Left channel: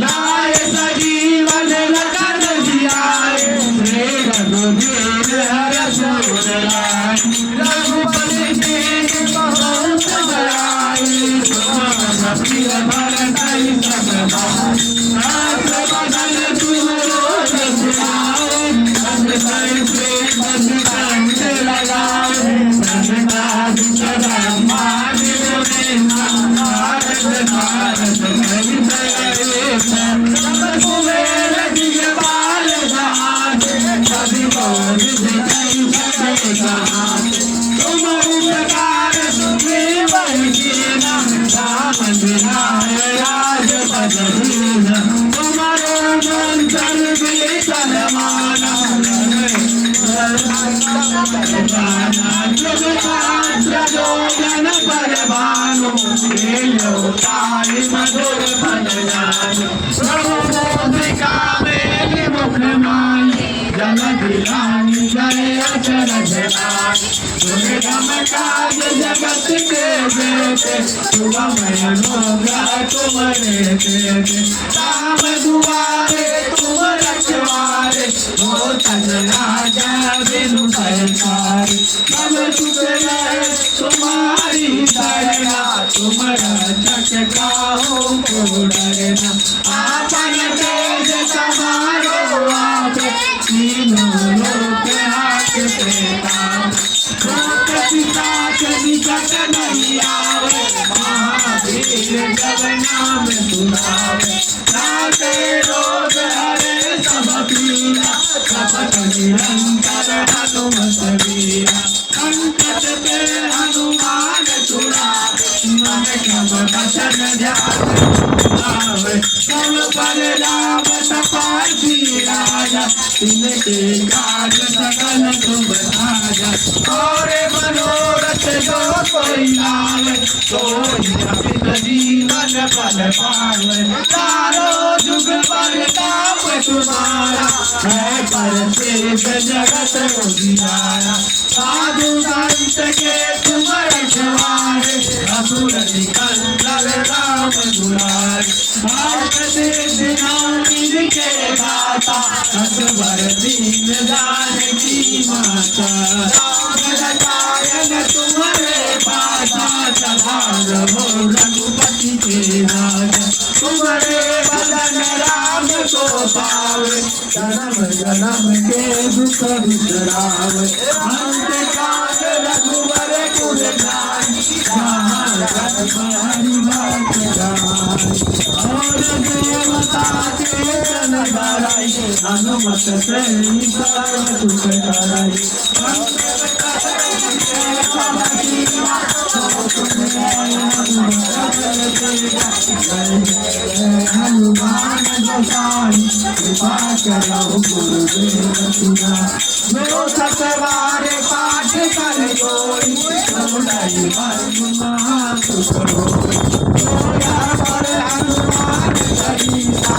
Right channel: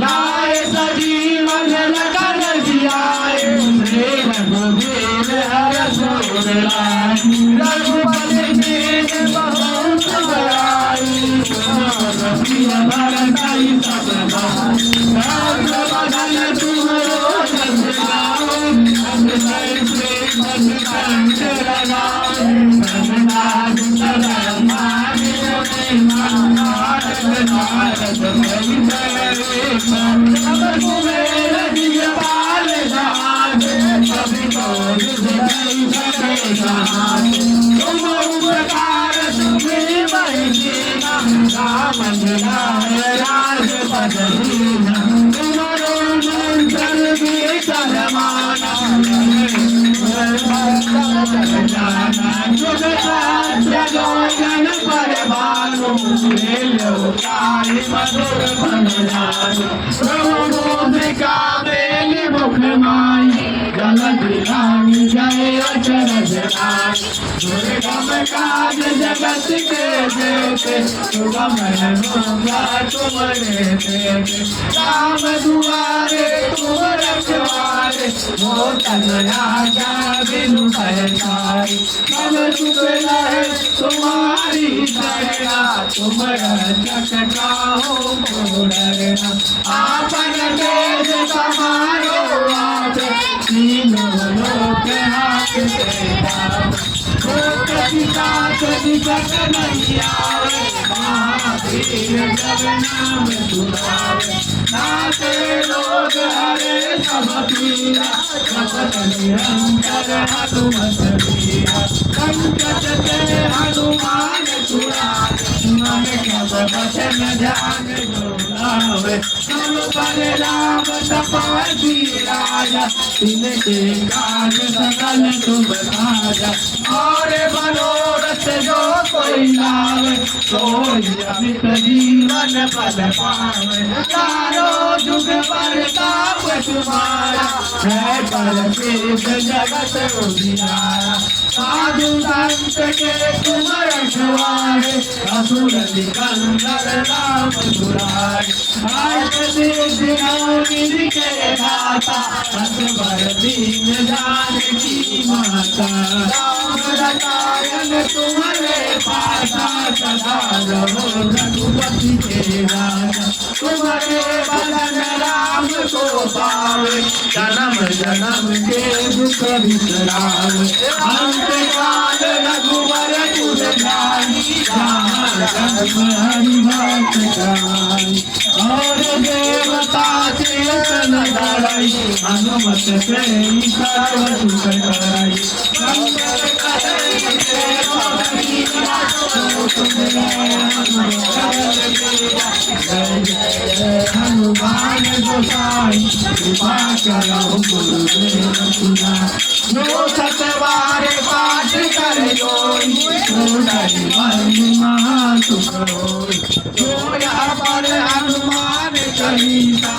लाए सजीवन लगन जियाए रघुवीर हर्ष उर लाए रघुपति दीन बहुत बड़ाई रघुवीर भरतहि सब भाई सर्वबदन तुम रोज सुनाओ संग प्रेम कंठ लगाओ संग ब्रह्मांड नारद नारद कुबेर दिगपाल जहान सभी कौन दिखाई सके जहान तुम उपकार तुम्हें बंदीना राम दिलाए राज बदलीना तुम्हारो मंत्र विकल माना जुग शास्त्र जोगन परवानो ताली मधुर मन जानो प्रभु कामेली मुख माई जल दिलानी जय अचरज नाई दुर्गम काज जगत के देते सुगम अनुग्रह तुम्हारे देते राम दुआरे तुम रखवारे हो तन राजा बिनु भयकारी सब सुख रहे तुम्हारी दया तुम रक्षक काहू को डरना आपन तेज समारो आप तीनों लोक हाकते ताप शोक पिशाच निकट नहीं आवे महावीर जब नाम सुनावे नाते रोग हरे सब पीरा जपत निरंतर हनुमत वीरा संकट के हनुमान छुड़ावे मन कब वचन ध्यान सुनावे सब पर राम तपासी राजा इनके काज सकल तुम राजा और मनोरथ जो कोई लावे सोई अमित जीवन पद पावे चारों जुग परताप तुम्हारा है परसिद्ध जगत उजियारा साधु संत के तुम रखवारे असुर सिकंदर राम दुलारे भारत सिद्धि नवनीत के दाता असवर दीन जानकी माता राम रसायन तुम्हारे पासा सदा रहो रघुपति के राजा तुम्हारे बदन राम को पावे जन्म जन्म के दुख बिसरावे अंत काल रघुवर पुर जाई हरि भक्त गाई और देवता चेतन धराई हनुमत से सर्व सुख कराई हनुमान गोसाई कृपा करो गुरुदेव तुझा जो सतवारे पाठ कर जोई सोई बंधु महासुख होई जो यहाँ पर हनुमान चालीसा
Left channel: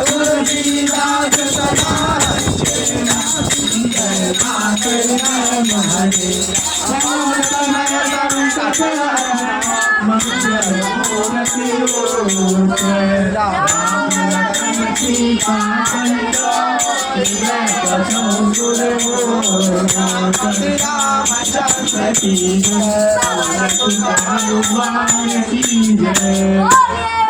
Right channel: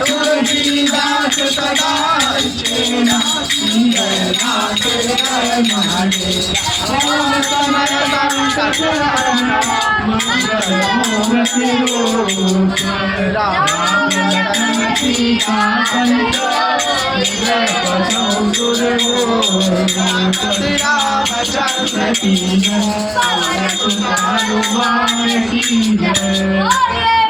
तुलसीदास सदा चेना समय संकट हरना मंगल मूर्ति राम सीता रामचंद्र की जय हनुमान की जय।